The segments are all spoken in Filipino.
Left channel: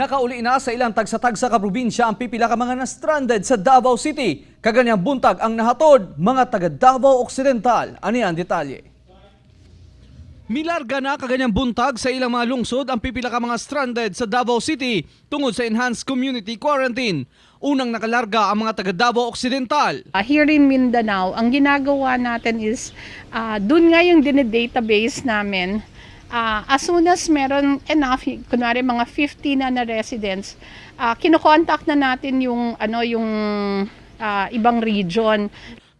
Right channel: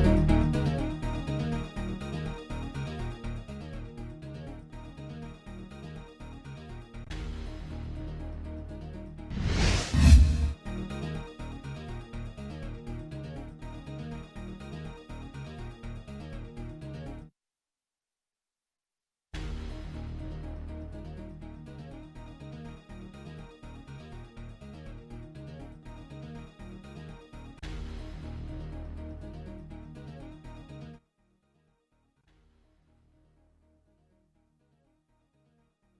Nakauli na sa ilang tagsa-tagsa ka probinsya ang pipila ka mga na-stranded sa Davao City. Kaganyang buntag ang nahatod mga taga Davao Occidental. Ano yan detalye? Milarga na kaganyang buntag sa ilang mga lungsod ang pipila ka mga stranded sa Davao City tungod sa enhanced community quarantine. Unang nakalarga ang mga taga Davao Occidental. Here in Mindanao, ang ginagawa natin is dun nga yung database namin. As soon as meron enough, kunwari mga 50 na residents, kino-contact na natin yung ibang region.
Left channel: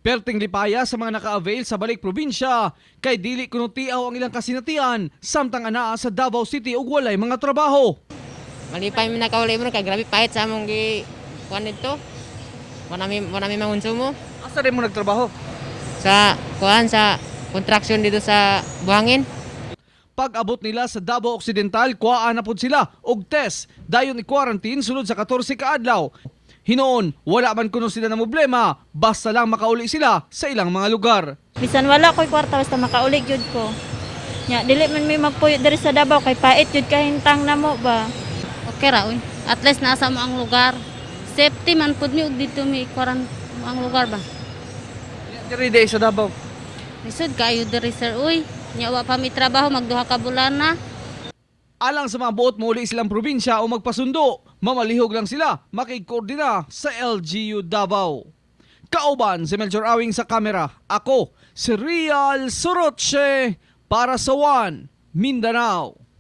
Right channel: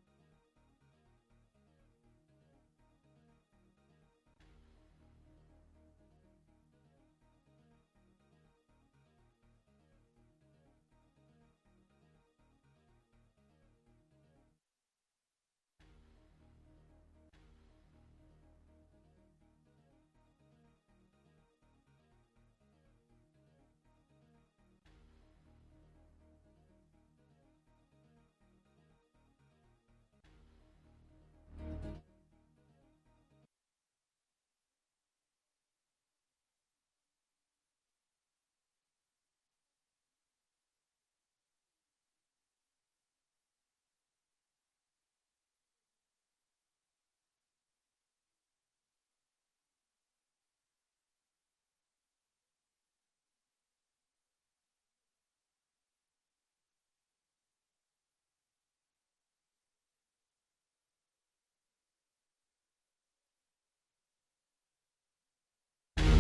Perting lipaya sa mga naka-avail sa balik probinsya, kay dili kuno tiaw ang ilang kasinatian, samtang anaa sa Davao City ug walay mga trabaho. Malipay mi nakauli mo kay grabe pahit sa among gi kuan dito. Wala mi mangonsumo Asa rin mo nagtrabaho? sa kuan sa construction dito sa Buhangin. Pag-abot nila sa Davao Occidental, kuhaan na pod sila og test. Dayon i-quarantine sunod sa 14 ka adlaw. Hinoon, wala man kuno sila na problema, basta lang makauli sila sa ilang mga lugar. Bisan wala ko'y kwarta basta makaulig jud ko. Nya dili man mi magpuyo diri sa Davao kay pait jud kahintang namo ba. Okay ra, uy. At least nasa mo ang lugar. Safety man pud mi ug dito mi quarantine ang lugar ba. Diri day sa Davao. Lisod kayo diri sir, uy. Nya wa pa mi trabaho magduha ka bulan na. Alang sa mga buot mo uli silang probinsya o magpasundo, mamalihog lang sila makikoordina sa LGU Davao. Kauban si Melchor Awing sa kamera. Ako, si Real Soroche para sa One Mindanao.